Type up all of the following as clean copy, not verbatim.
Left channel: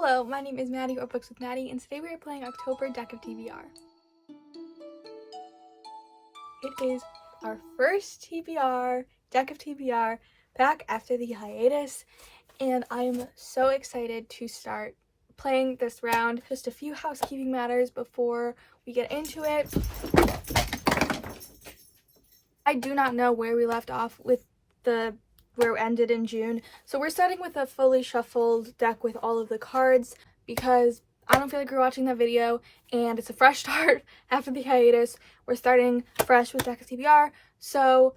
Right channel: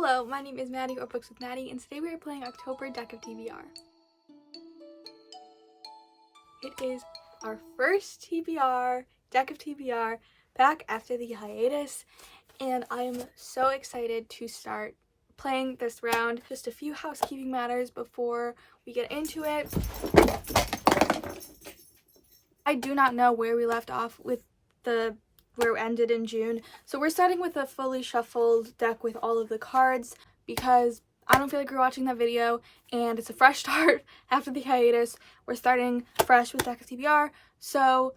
Hello, my name is Maddie or Books with Maddie, and today we are playing October Deck of TBR. It is our first TBR, Deck of TBR, back after the hiatus, and I'm so excited to start playing this round. Just a few housekeeping matters before we get into it. I do not know where we left off with where it ended in June. So we're starting with a fully shuffled deck with all of the cards because I don't feel like we're watching that video and it's a fresh start after the hiatus. We're starting fresh with Deck of TBR. So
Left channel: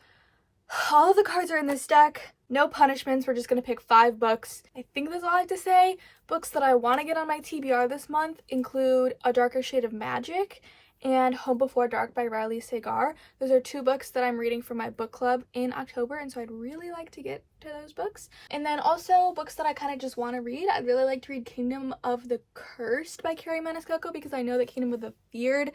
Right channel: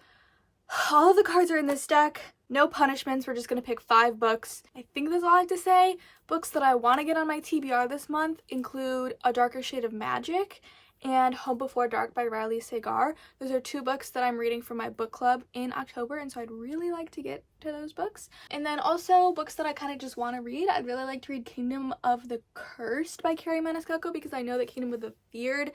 all of the cards are in this deck. No punishments. We're just going to pick 5 books. I think that's all I have to say. Books that I want to get on my TBR this month include A Darker Shade of Magic and Home Before Dark by Riley Sagar. Those are 2 books that I'm reading for my book club in October, and so I'd really like to get to those books. And then also books that I kind of just want to read. I'd really like to read Kingdom of the Cursed by Carrie Maniscalco because I know that Kingdom of the Feared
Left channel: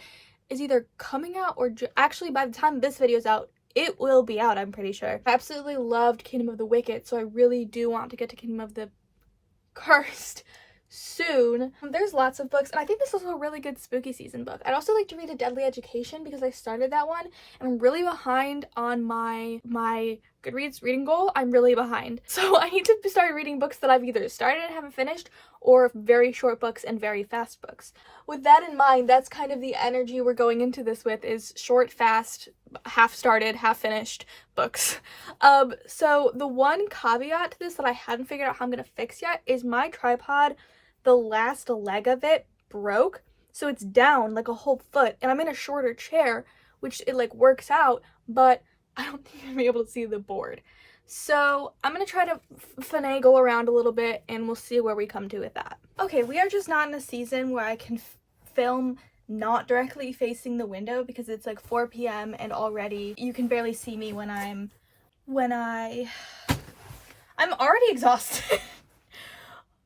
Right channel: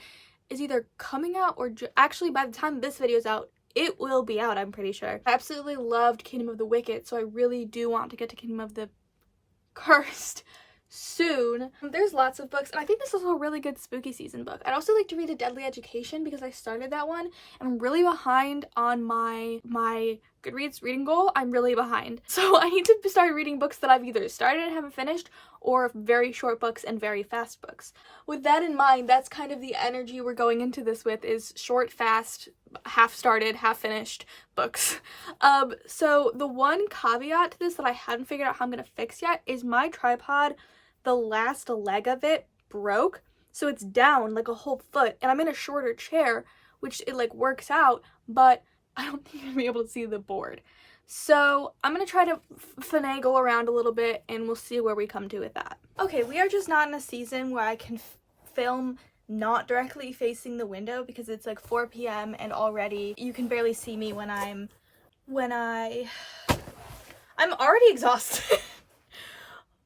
is either coming out or actually by the time this video is out, it will be out, I'm pretty sure. I absolutely loved Kingdom of the Wicked, so I really do want to get to Kingdom of the Cursed soon. There's lots of books, and I think this is also a really good spooky season book. I'd also like to read A Deadly Education because I started that one and I'm really behind on my Goodreads reading goal. I'm really behind, so I need to start reading books that I've either started and haven't finished, or very short books and very fast books. With that in mind, that's kind of the energy we're going into this with, is short, fast, half started, half finished books. So the one caveat to this that I hadn't figured out how I'm gonna fix yet is my tripod, the last leg of it broke, so it's down like a whole foot, and I'm in a shorter chair, which it like works out, but I don't think I'm gonna be able to see the board. So I'm gonna try to finagle around a little bit and we'll see where we come to with that. Okay, we are just not in a season where I can film not directly facing the window because it's like 4 p.m. and already you can barely see me I'm already exhausted.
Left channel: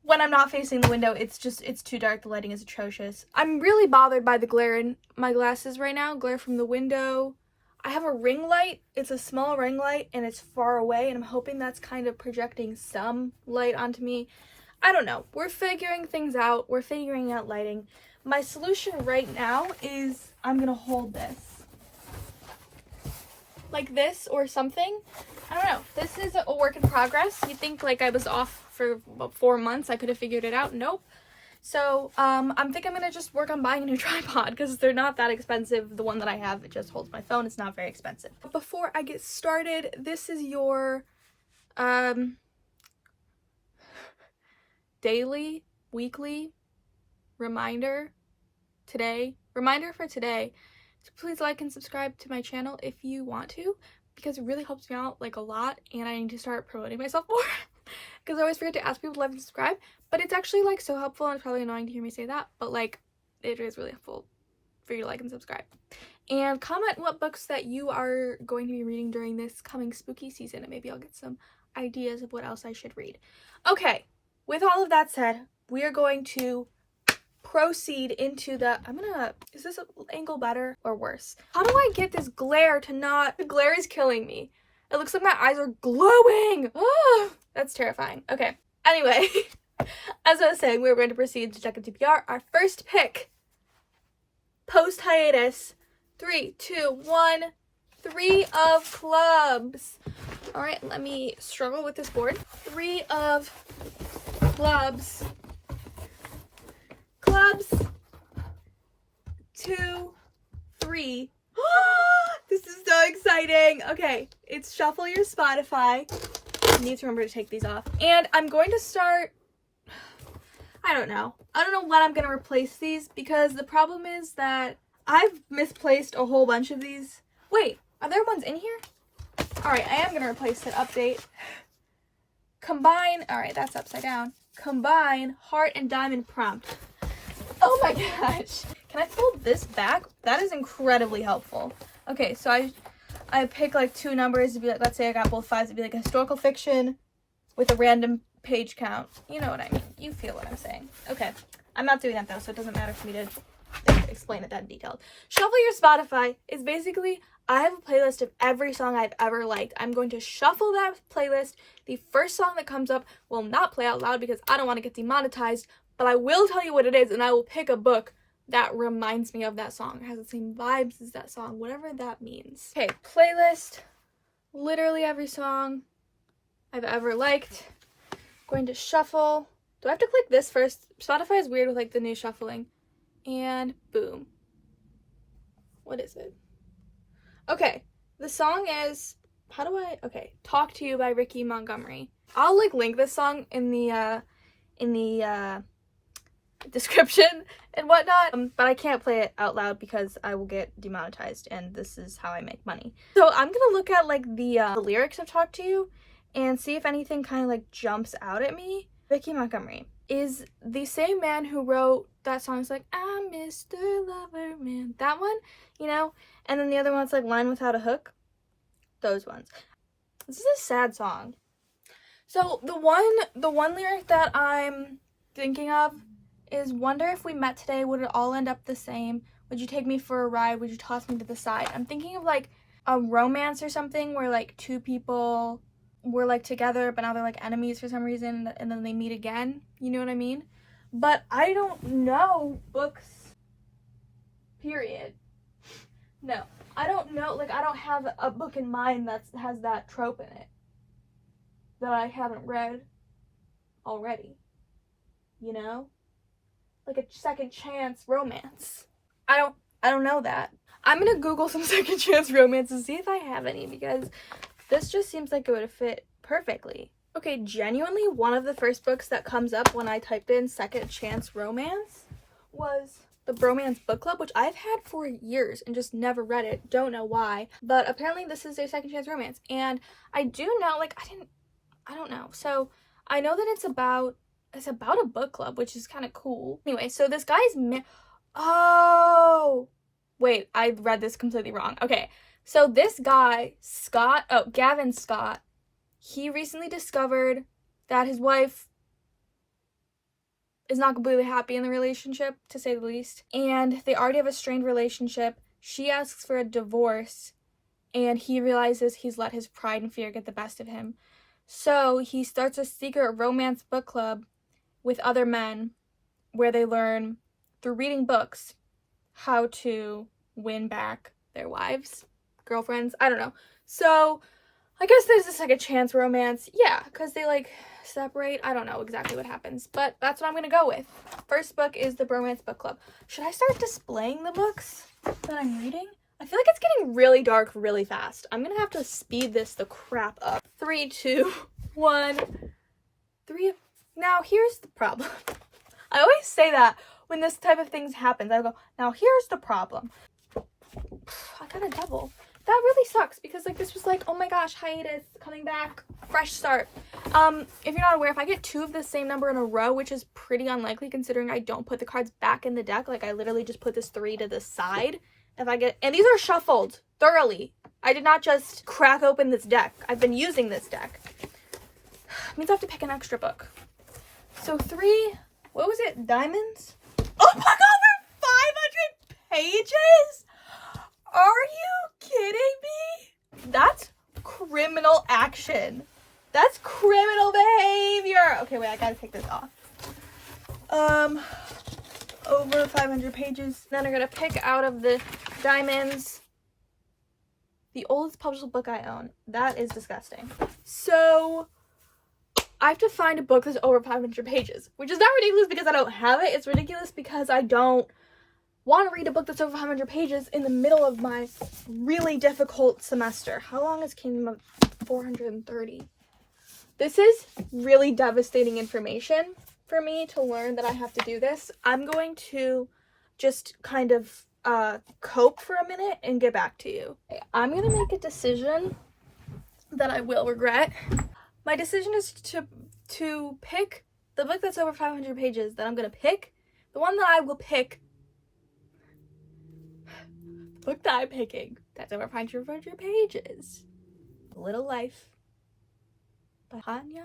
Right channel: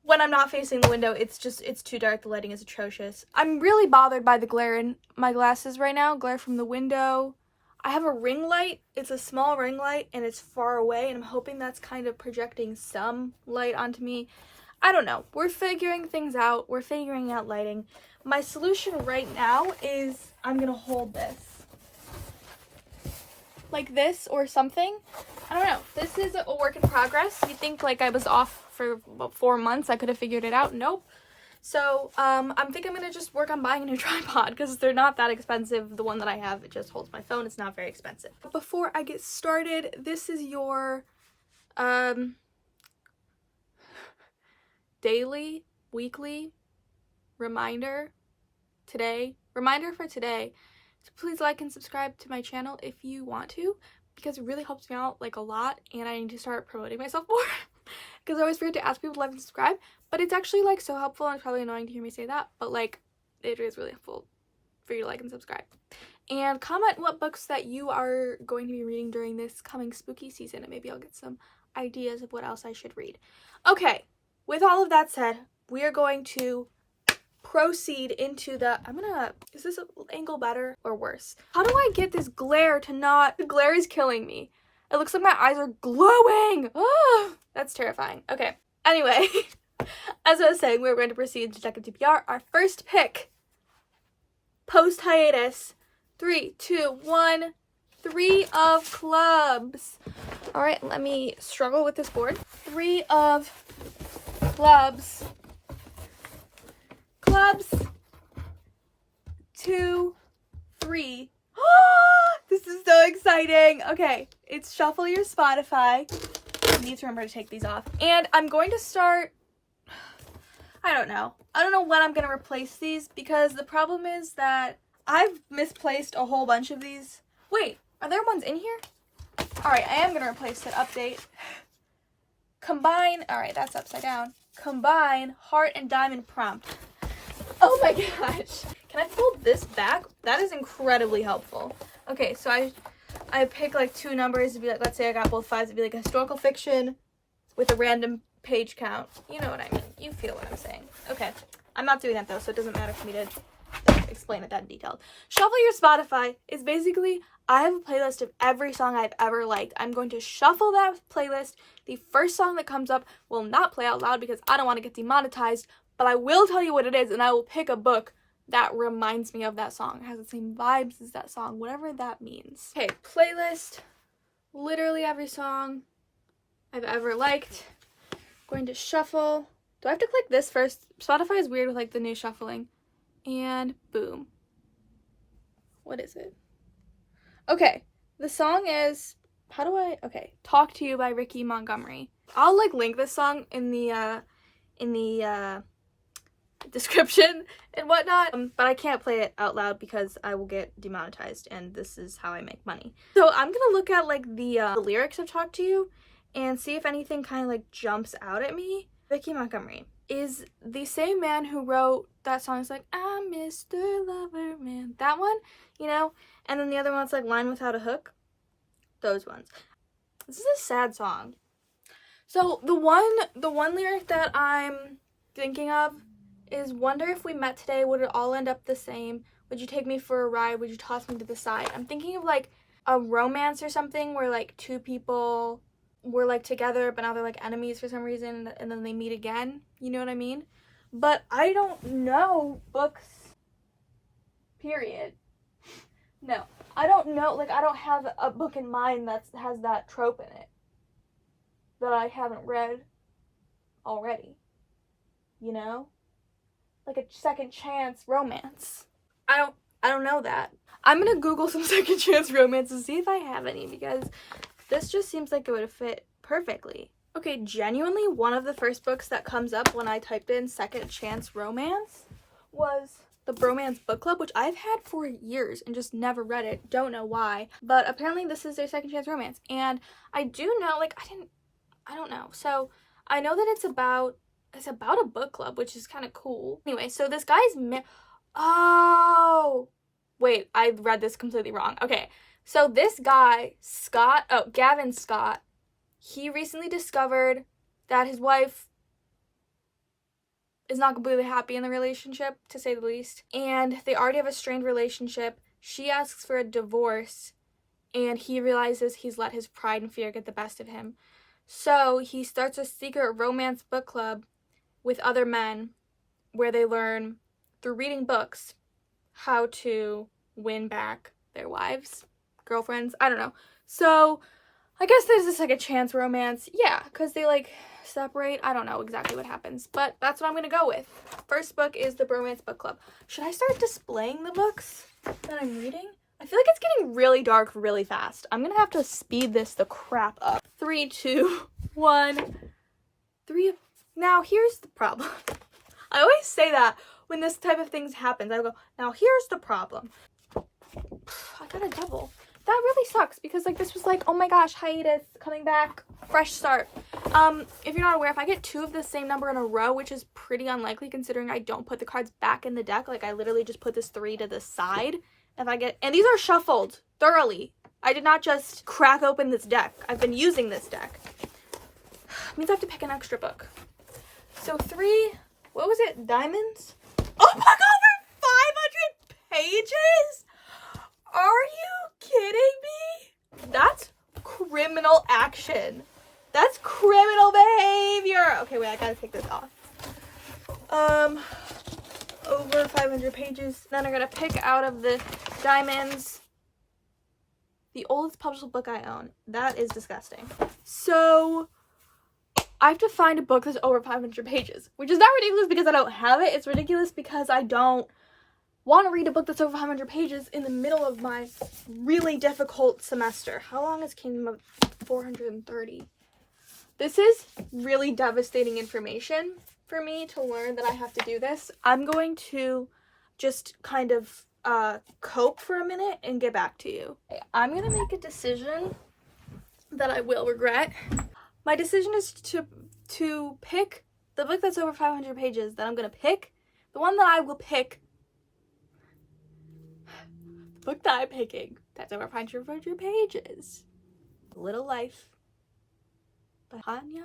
When I'm not facing the window, it's too dark. The lighting is atrocious. I'm really bothered by the glare in my glasses right now. Glare from the window. I have a ring light. It's a small ring light and it's far away, and I'm hoping that's kind of projecting some light onto me. I don't know. We're figuring things out. We're figuring out lighting. My solution right now is I'm gonna hold this like this or something. I don't know. This is a work in progress. You think like I was off for about 4 months, I could have figured it out. Nope. So I think I'm gonna just work on buying a new tripod because they're not that expensive. The one that I have, it just holds my phone. It's not very expensive. Before I get started, this is your daily, weekly reminder for today. So please like and subscribe to my channel if you want to, because it really helps me out like a lot, and I need to start promoting myself more because I always forget to ask people to like and subscribe. But it's actually like so helpful, and it's probably annoying to hear me say that, but like it is really helpful for you to like and subscribe. And comment what books that you are going to be reading during this coming spooky season, and maybe I'll get some ideas of what else I should read. Okay, with all of that said, we are going to proceed into is this angle better or worse? How do I get this glare to not, the glare is killing me. It looks like my eyes are glowing. Ah, that's terrifying. Okay, anyway. As I was saying, we're going to proceed to Deck of TBR. Our first pick, post hiatus. 3, 2, 1. 3 of clubs. All right, let me struggle with this board. 3 of clubs. Clubs. 2, 3. This is so exciting. Okay, it's shuffle your Spotify. I need to remember to take these off. And I'm going to start. I don't know when I'm gonna replace these, because the problem is that I've misplaced a whole bunch of these. Wait, are there ones in here? All right, I am gonna replace it. Update. Combine. All right, that's upside down. Combine heart and diamond prompt. Oh my gosh. Can I fold this back? That is incredibly helpful. Okay, so I pick like 2 numbers to be like, let's say I got both 5s, it'd be like historical fiction with a random page count. You know what I mean. You feel what I'm saying. Okay. I'm not doing that though, so it doesn't matter for me to explain it that in detail. Shuffle your Spotify is basically, I have a playlist of every song I've ever liked. I'm going to shuffle that playlist. The first song that comes up will not play out loud because I don't want to get demonetized, but I will tell you what it is, and I will pick a book that reminds me of that song. It has the same vibes as that song, whatever that means. Okay, playlist. Literally every song I've ever liked. Going to shuffle. Do I have to click this first? Spotify is weird with like the new shuffling. And boom. What is it? Okay, the song is, okay, Talk to You by Ricky Montgomery. I'll like link this song in the description and whatnot, but I can't play it out loud because I will get demonetized, and this is how I make money. So I'm gonna look at like the lyrics of Talk to You and see if anything kind of like jumps out at me. Ricky Montgomery is the same man who wrote that song. It's like, I'm Mr. Lover Man. That one, you know? And then the other one's like Line Without a Hook. Those ones. This is a sad song. So the one lyric that I'm thinking of is, wonder if we met today, would it all end up the same? Would you take me for a ride? Would you toss me to the side? I'm thinking of like a romance or something where like two people were like together, but now they're like enemies for some reason, and then they meet again. You know what I mean? But I don't know books, period. No, I don't know. Like, I don't have a book in mind that has that trope in it that I haven't read already. You know? Like a second chance romance. I don't know that. I'm gonna Google some second chance romance and see if I have any, because this just seems like it would fit perfectly. Okay, genuinely, one of the first books that comes up when I type in second chance romance was the Bromance Book Club, which I've had for years and just never read it. Don't know why. But apparently this is a second chance romance. And I do know, like, I don't know. So I know that it's about a book club, which is kind of cool. Anyway, so this guy's oh, wait, I read this completely wrong. Okay, so this guy, Gavin Scott, he recently discovered that his wife is not completely happy in the relationship, to say the least. And they already have a strained relationship. She asks for a divorce, and he realizes he's let his pride and fear get the best of him. So he starts a secret romance book club with other men where they learn, through reading books, how to win back their wives, girlfriends, I don't know. So I guess there's a second chance romance. Yeah, because they like separate. I don't know exactly what happens, but that's what I'm gonna go with. First book is the Bromance Book Club. Should I start displaying the books that I'm reading? I feel like it's getting really dark really fast. I'm gonna have to speed this the crap up. 3, 2, 1, 3. Now here's the problem. I always say that when this type of things happens. I go, now here's the problem. I got a double. That really sucks, because like this was like, oh my gosh, hiatus, coming back, fresh start. If you're not aware, if I get 2 of the same number in a row, which is pretty unlikely considering I don't put the cards back in the deck, like I literally just put this 3 to the side. If I get, and these are shuffled thoroughly. I did not just crack open this deck. I've been using this deck. It means I have to pick an extra book. So 3, what was it? Diamonds? Oh my god, we're 500 pages? Are you kidding me? That's criminal action. That's criminal behavior. Okay, wait, I gotta take this off. Over 500 pages. Then I'm gonna pick out of the diamonds the oldest published book I own. That is disgusting. So I have to find a book that's over 500 pages, which is not ridiculous because I don't have it. It's ridiculous because I don't want to read a book that's over 500 pages in the middle of my really difficult semester. How long is Kingdom of 430? This is really devastating information for me to learn that I have to do this. I'm going to just kind of cope for a minute and get back to you. I'm going to make a decision that I will regret. My decision is to pick the book that's over 500 pages that I'm going to pick. The one that I will pick, the book that I'm picking that's over 500 pages, Little Life by Hanya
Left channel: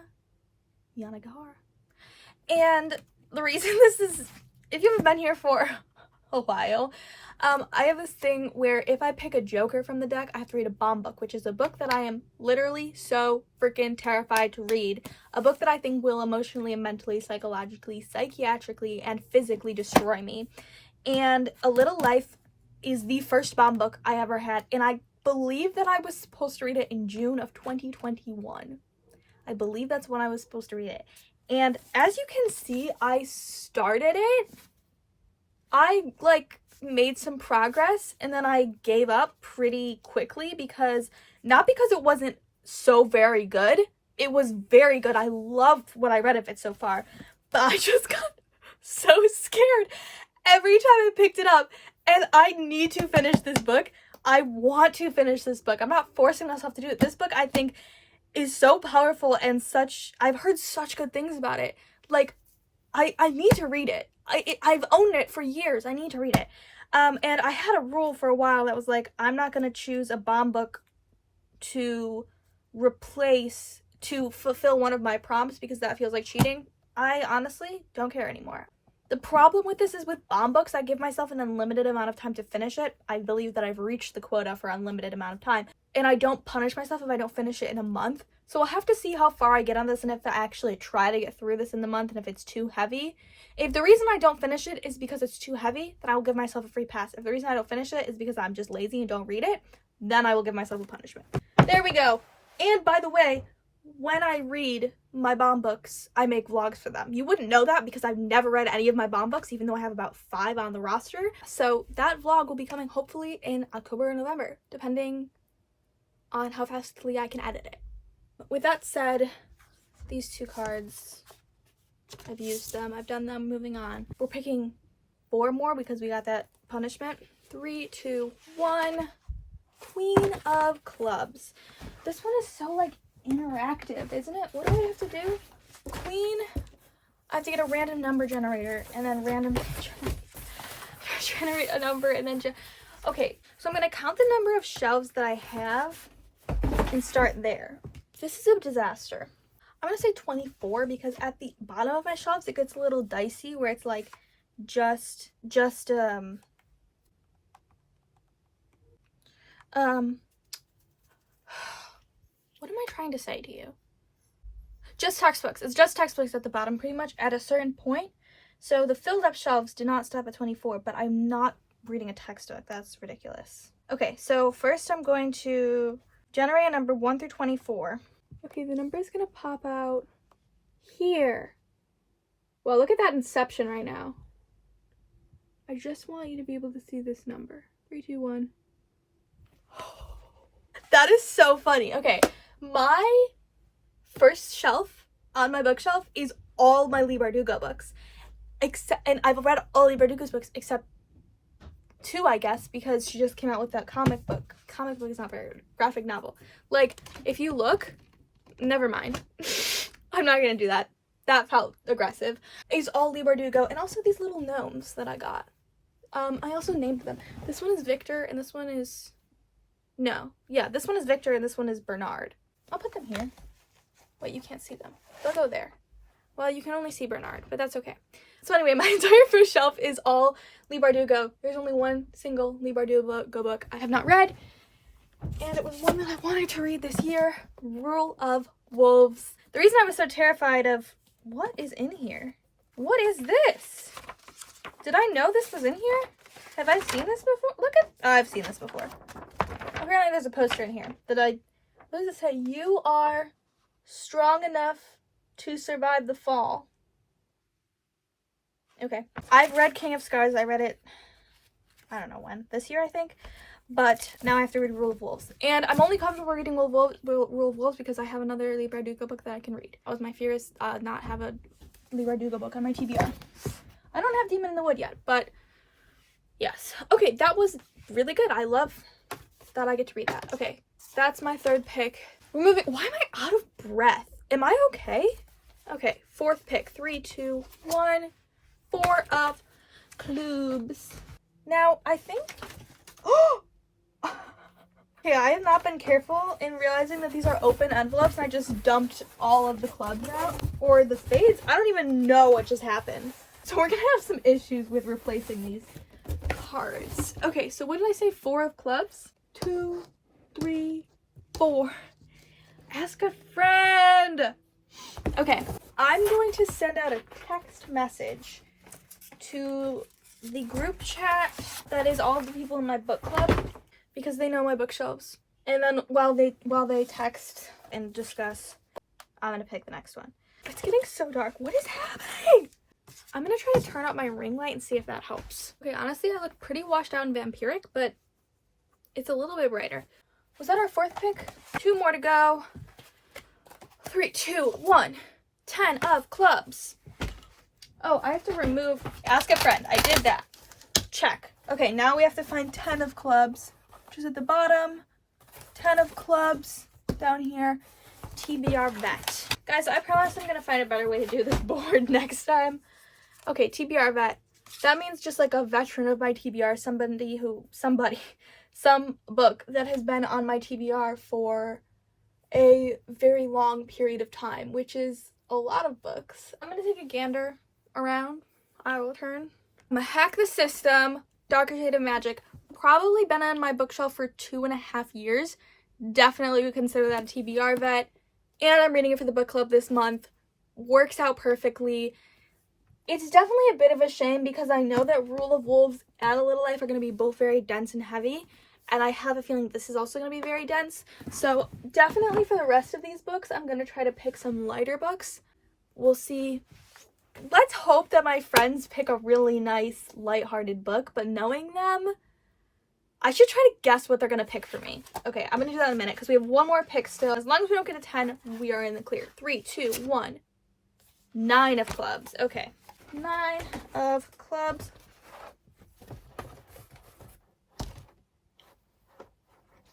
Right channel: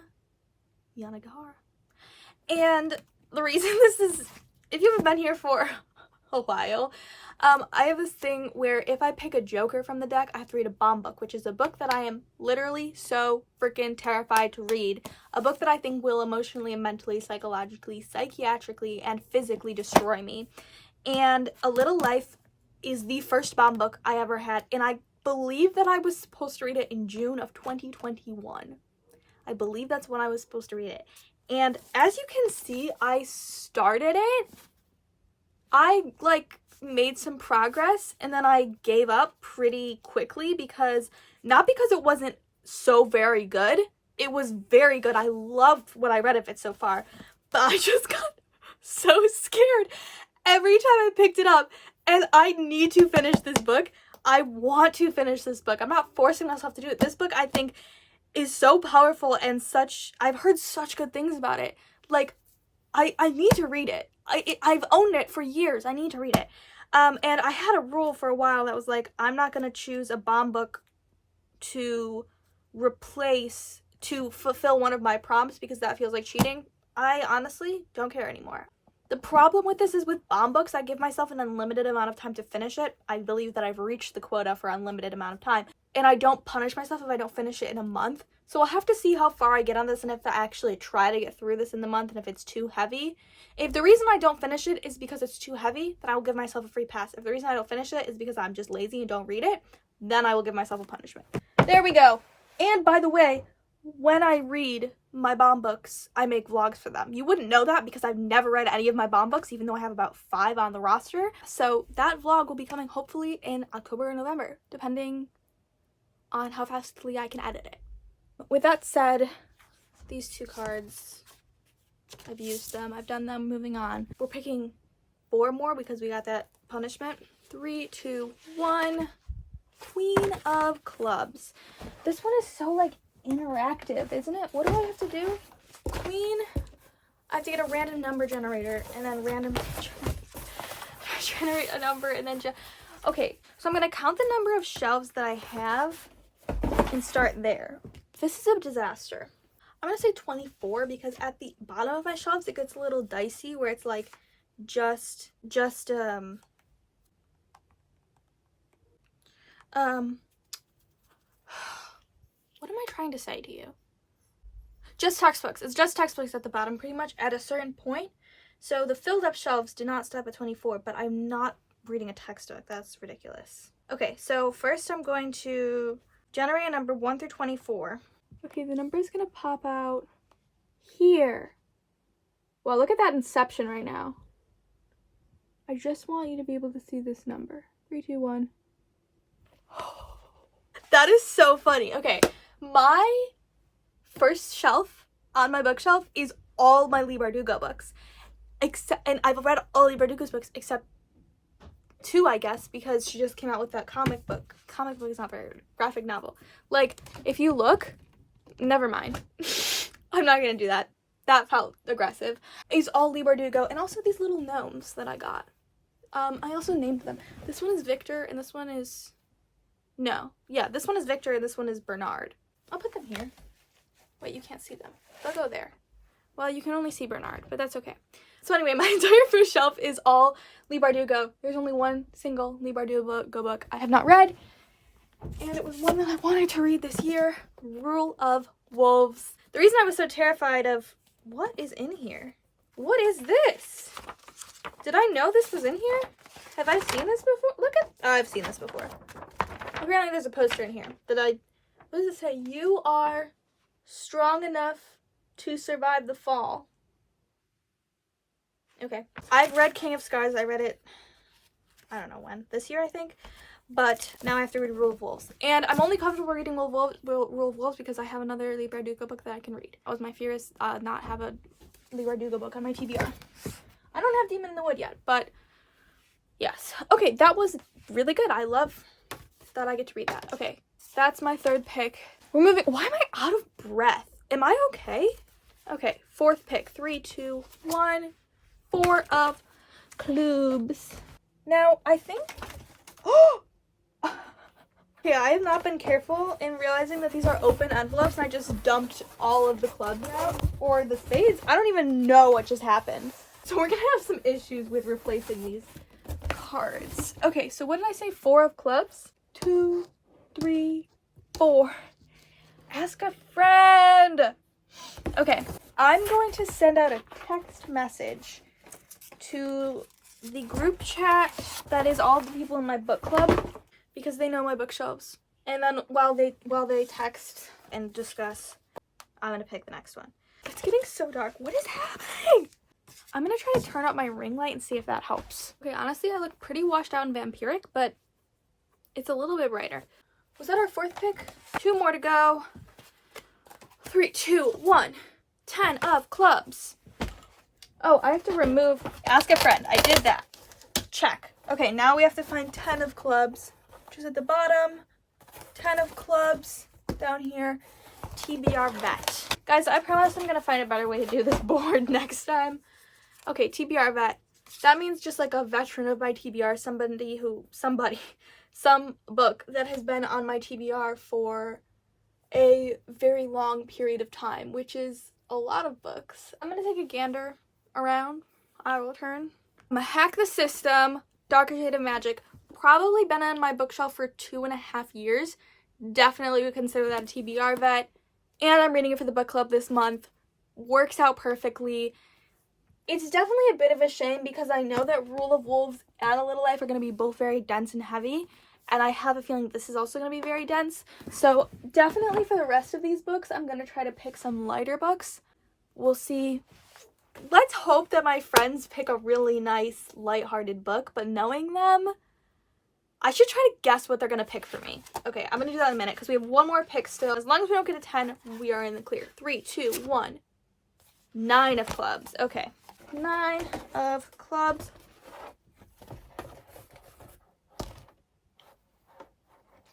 Yanagihara. And the reason this is, if you haven't been here for a while, I have this thing where if I pick a Joker from the deck, I have to read a bomb book, which is a book that I am literally so freaking terrified to read. A book that I think will emotionally and mentally, psychologically, psychiatrically, and physically destroy me. And A Little Life is the first bomb book I ever had, and I believe that I was supposed to read it in June of 2021. I believe that's when I was supposed to read it. And as you can see, I started it. I made some progress and then I gave up pretty quickly not because it wasn't so very good. It was very good. I loved what I read of it so far, but I just got so scared every time I picked it up, and I need to finish this book. I want to finish this book. I'm not forcing myself to do it. This book, I think, is so powerful and I've heard such good things about it. Like, I need to read it. I've owned it for years. I need to read it. And I had a rule for a while that was like, I'm not going to choose a bomb book to fulfill one of my prompts because that feels like cheating. I honestly don't care anymore. The problem with this is with bomb books, I give myself an unlimited amount of time to finish it. I believe that I've reached the quota for unlimited amount of time. And I don't punish myself if I don't finish it in a month. So I'll have to see how far I get on this and if I actually try to get through this in the month and if it's too heavy. If the reason I don't finish it is because it's too heavy, then I will give myself a free pass. If the reason I don't finish it is because I'm just lazy and don't read it, then I will give myself a punishment. There we go. And by the way, when I read my bomb books, I make vlogs for them. You wouldn't know that because I've never read any of my bomb books, even though I have about 5 on the roster. So that vlog will be coming hopefully in October or November, depending on how fastly I can edit it. With that said, these 2 cards, I've used them, I've done them, moving on. We're picking 4 more because we got that punishment. 3, 2, 1. Queen of Clubs. This one is so interactive, isn't it? What do I have to do? Queen, I have to get a random number generator and then generate a number and then okay, so I'm gonna count the number of shelves that I have and start there. This is a disaster. I'm gonna say 24 because at the bottom of my shelves it gets a little dicey where it's like what am I trying to say to you? Just textbooks. It's just textbooks at the bottom pretty much at a certain point. So the filled up shelves do not stop at 24, but I'm not reading a textbook. That's ridiculous. Okay, so first I'm going to generate a number 1 through 24. Okay, the number is going to pop out here. Well, look at that inception right now. I just want you to be able to see this number. 3, 2, 1. That is so funny. Okay, my first shelf on my bookshelf is all my Leigh Bardugo books. And I've read all Leigh Bardugo's books except 2, I guess, because she just came out with that comic book. Comic book is not very graphic novel. Like, if you look, never mind. I'm not gonna do that. That felt aggressive. It's all Leigh Bardugo, and also these little gnomes that I got. I also named them. This one is Victor, and this one is... No. Yeah, this one is Victor, and this one is Bernard. I'll put them here. Wait, you can't see them. They'll go there. Well, you can only see Bernard, but that's okay. So anyway, my entire first shelf is all Leigh Bardugo. There's only one single Leigh Bardugo book I have not read, and it was one that I wanted to read this year, Rule of Wolves. The reason I was so terrified of... What is in here? What is this? Did I know this was in here? Have I seen this before? Look at... Oh, I've seen this before. Apparently there's a poster in here that what does it say? You are strong enough to survive the fall. Okay. I've read King of Scars. I read it, I don't know when. This year, I think. But now I have to read Rule of Wolves. And I'm only comfortable reading Rule of Wolves because I have another Leigh Bardugo book that I can read. That was my fear, is not have a Leigh Bardugo book on my TBR. I don't have Demon in the Wood yet, but yes. Okay, that was really good. I love that I get to read that. Okay, that's my 3rd pick. We're moving. Why am I out of breath? Am I okay? Okay, 4th pick. 3, 2, 1. 4 of Clubs. Now, I think... Oh! Okay, I have not been careful in realizing that these are open envelopes and I just dumped all of the clubs out. Or the spades. I don't even know what just happened. So we're gonna have some issues with replacing these cards. Okay, so what did I say? 4 of clubs? 2, 3, 4. Ask a friend. Okay, I'm going to send out a text message to the group chat that is all the people in my book club because they know my bookshelves. And then while they text and discuss, I'm gonna pick the next one. It's getting so dark. What is happening? I'm gonna try to turn up my ring light and see if that helps. Okay, honestly, I look pretty washed out and vampiric, but it's a little bit brighter. Was that our 4th pick? 2 more to go. 3, 2, 1. 10 of clubs. Oh, I have to remove ask a friend. I did that. Check. Okay, now we have to find 10 of clubs, which is at the bottom. 10 of clubs down here. TBR vet. Guys, I promise I'm gonna find a better way to do this board next time. Okay, TBR vet. That means just like a veteran of my TBR, some book that has been on my TBR for a very long period of time, which is a lot of books. I'm gonna take a gander around. I will turn. I'm gonna hack the system. Darker Shade of Magic. Probably been on my bookshelf for 2.5 years. Definitely would consider that a TBR vet. And I'm reading it for the book club this month. Works out perfectly. It's definitely a bit of a shame because I know that Rule of Wolves and A Little Life are going to be both very dense and heavy. And I have a feeling this is also going to be very dense. So definitely for the rest of these books, I'm going to try to pick some lighter books. We'll see. Let's hope that my friends pick a really nice, lighthearted book. But knowing them, I should try to guess what they're going to pick for me. Okay, I'm going to do that in a minute because we have 1 more pick still. As long as we don't get a 10, we are in the clear. 3, 2, 1. 9 of clubs. Okay. 9 of clubs.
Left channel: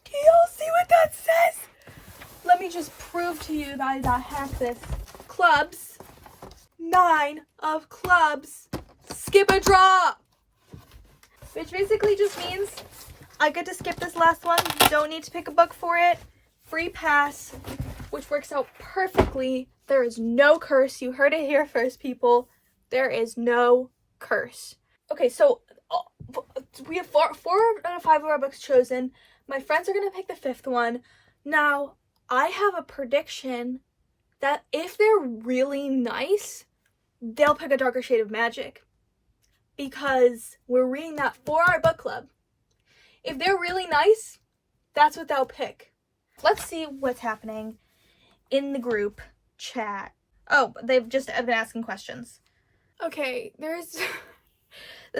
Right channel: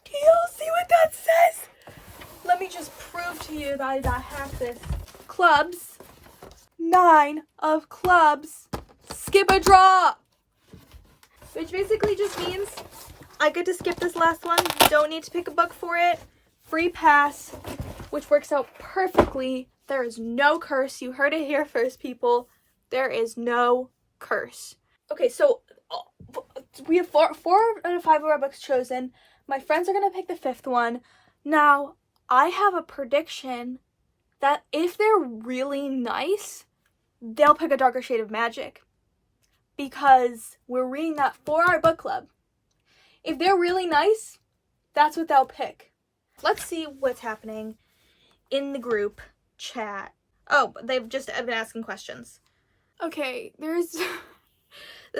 Do y'all see what that says? Let me just prove to you that I got half this. Clubs. 9 of clubs. Skip a draw. Which basically just means I get to skip this last one. Don't need to pick a book for it. Free pass. Which works out perfectly. There is no curse. You heard it here first, people. There is no curse. Okay, so we have 4 out of 5 of our books chosen. My friends are going to pick the 5th one. Now, I have a prediction that if they're really nice, they'll pick A Darker Shade of Magic. Because we're reading that for our book club. If they're really nice, that's what they'll pick. Let's see what's happening in the group chat. Oh, they've just been asking questions. Okay, this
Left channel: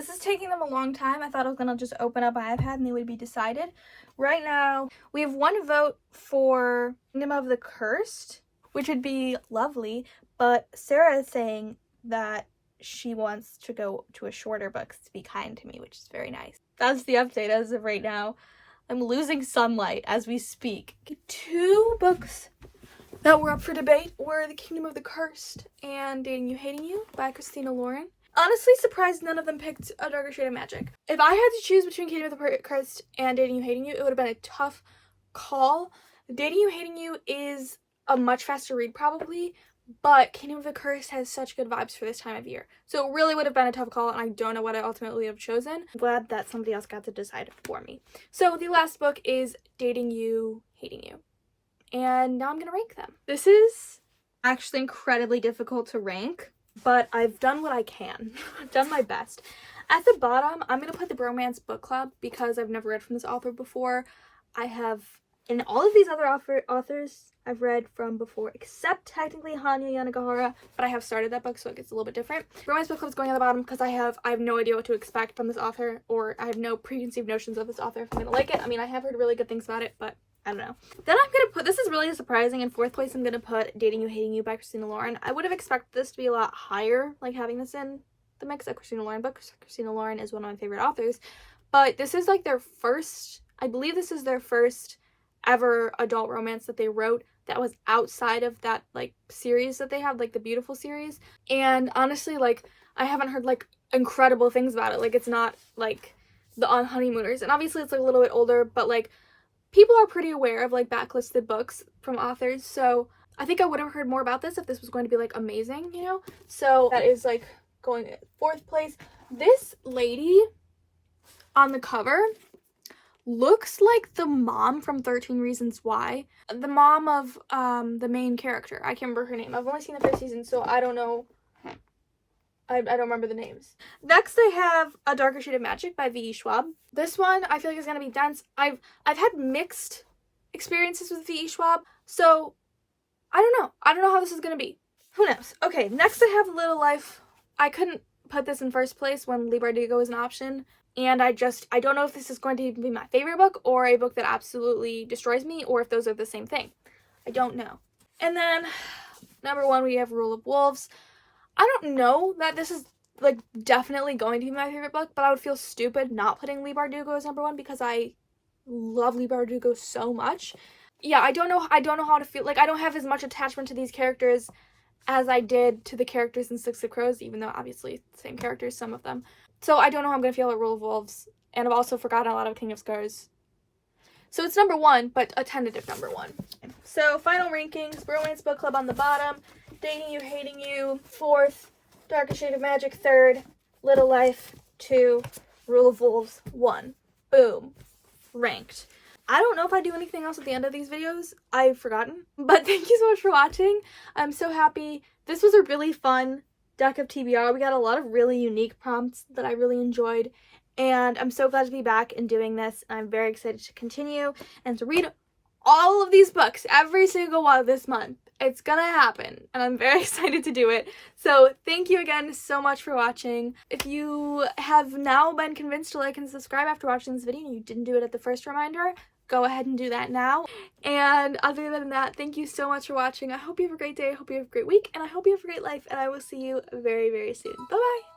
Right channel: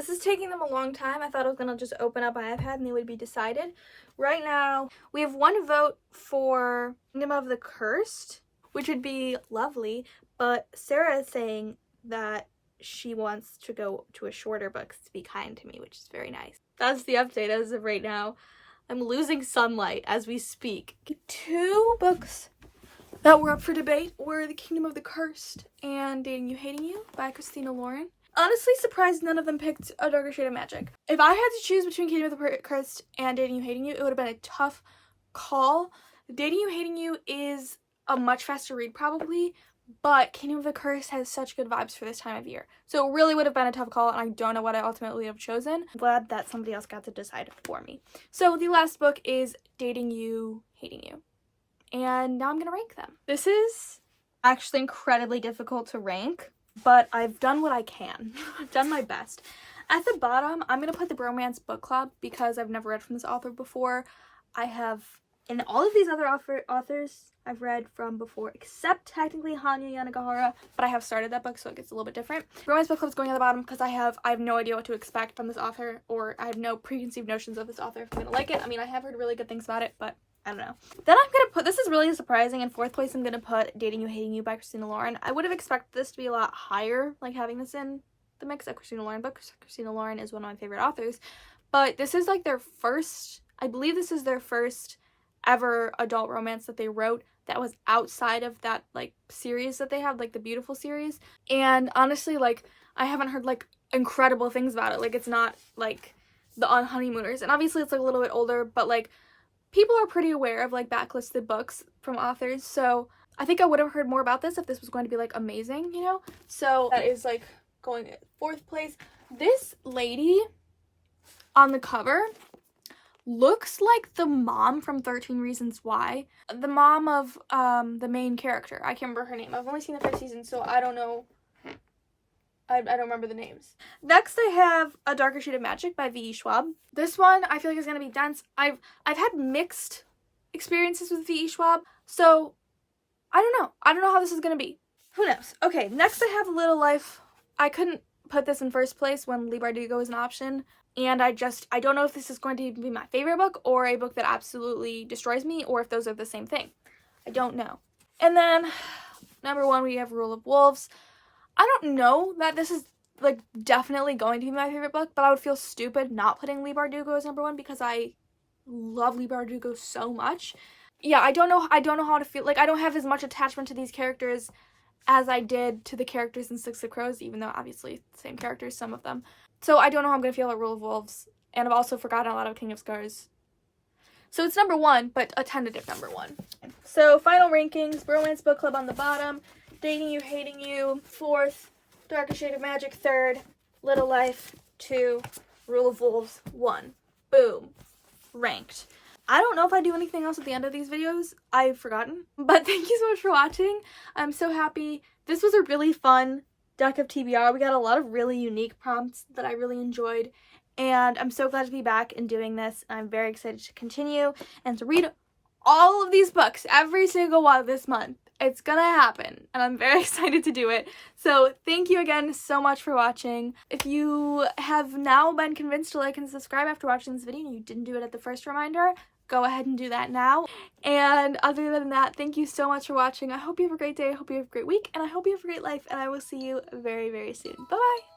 is taking them a long time. I thought I was gonna just open up my iPad and they would be decided. Right now, we have 1 vote for Kingdom of the Cursed, which would be lovely, but Sarah is saying that she wants to go to a shorter book to be kind to me, which is very nice. That's the update as of right now. I'm losing sunlight as we speak. 2 books that were up for debate were The Kingdom of the Cursed and Dating You, Hating You by Christina Lauren. Honestly surprised none of them picked A Darker Shade of Magic. If I had to choose between Kingdom of the Cursed and Dating You, Hating You, it would have been a tough call. Dating You, Hating You is a much faster read probably, but Kingdom of the Cursed has such good vibes for this time of year. So it really would have been a tough call, and I don't know what I ultimately have chosen. I'm glad that somebody else got to decide for me. So the last book is Dating You, Hating You. And now I'm going to rank them. This is actually incredibly difficult to rank, but I've done what I can. I've done my best. At the bottom, I'm going to put the Bromance Book Club because I've never read from this author before. I have, and all of these other authors I've read from before, except technically Hanya Yanagihara, but I have started that book, so it gets a little bit different. Bromance Book Club is going at the bottom because I have no idea what to expect from this author, or I have no preconceived notions of this author if I'm going to like it. I mean, I have heard really good things about it, but I don't know. Then I'm going to put, this is really surprising, in 4th place I'm going to put Dating You, Hating You by Christina Lauren. I would have expected this to be a lot higher, like having this in the mix of Christina Lauren books. Christina Lauren is one of my favorite authors, but this is like their first, I believe this is their first ever adult romance that they wrote that was outside of that like series that they have, like the Beautiful series. And honestly, like I haven't heard like incredible things about it. Like it's not like the On Honeymooners, and obviously it's like a little bit older, but like people are pretty aware of like backlisted books from authors, so I think I would have heard more about this if this was going to be like amazing, you know? So that is like going at 4th place. This lady, on the cover looks like the mom from 13 Reasons Why. The mom of the main character. I can't remember her name. I've only seen the first season, so I don't know. I don't remember the names. Next, I have A Darker Shade of Magic by V.E. Schwab. This one I feel like is gonna be dense. I've had mixed experiences with V.E. Schwab, so I don't know. I don't know how this is gonna be. Who knows? Okay, next I have Little Life. I couldn't put this in first place when Leigh Bardugo was an option, and I don't know if this is going to be my favorite book or a book that absolutely destroys me, or if those are the same thing. I don't know. And then number 1 we have Rule of Wolves. I don't know that this is like definitely going to be my favorite book, but I would feel stupid not putting Leigh Bardugo as number 1 because I love Leigh Bardugo so much. Yeah, I don't know how to feel. Like, I don't have as much attachment to these characters as I did to the characters in Six of Crows, even though obviously same characters, some of them. So I don't know how I'm gonna feel about Rule of Wolves, and I've also forgotten a lot of King of Scars. So it's number 1, but a tentative number 1. So final rankings: Romance Book Club on the bottom, Dating You, Hating You 4th, Darker Shade of Magic 3rd, Little Life 2, Rule of Wolves 1. Boom. Ranked. I don't know if I do anything else at the end of these videos. I've forgotten. But thank you so much for watching. I'm so happy. This was a really fun Deck of TBR. We got a lot of really unique prompts that I really enjoyed. And I'm so glad to be back and doing this. I'm very excited to continue and to read all of these books every single one this month. It's gonna happen, and I'm very excited to do it. So thank you again so much for watching. If you have now been convinced to like and subscribe after watching this video and you didn't do it at the first reminder, go ahead and do that now. And other than that, thank you so much for watching. I hope you have a great day, I hope you have a great week, and I hope you have a great life, and I will see you very, very soon. Bye-bye!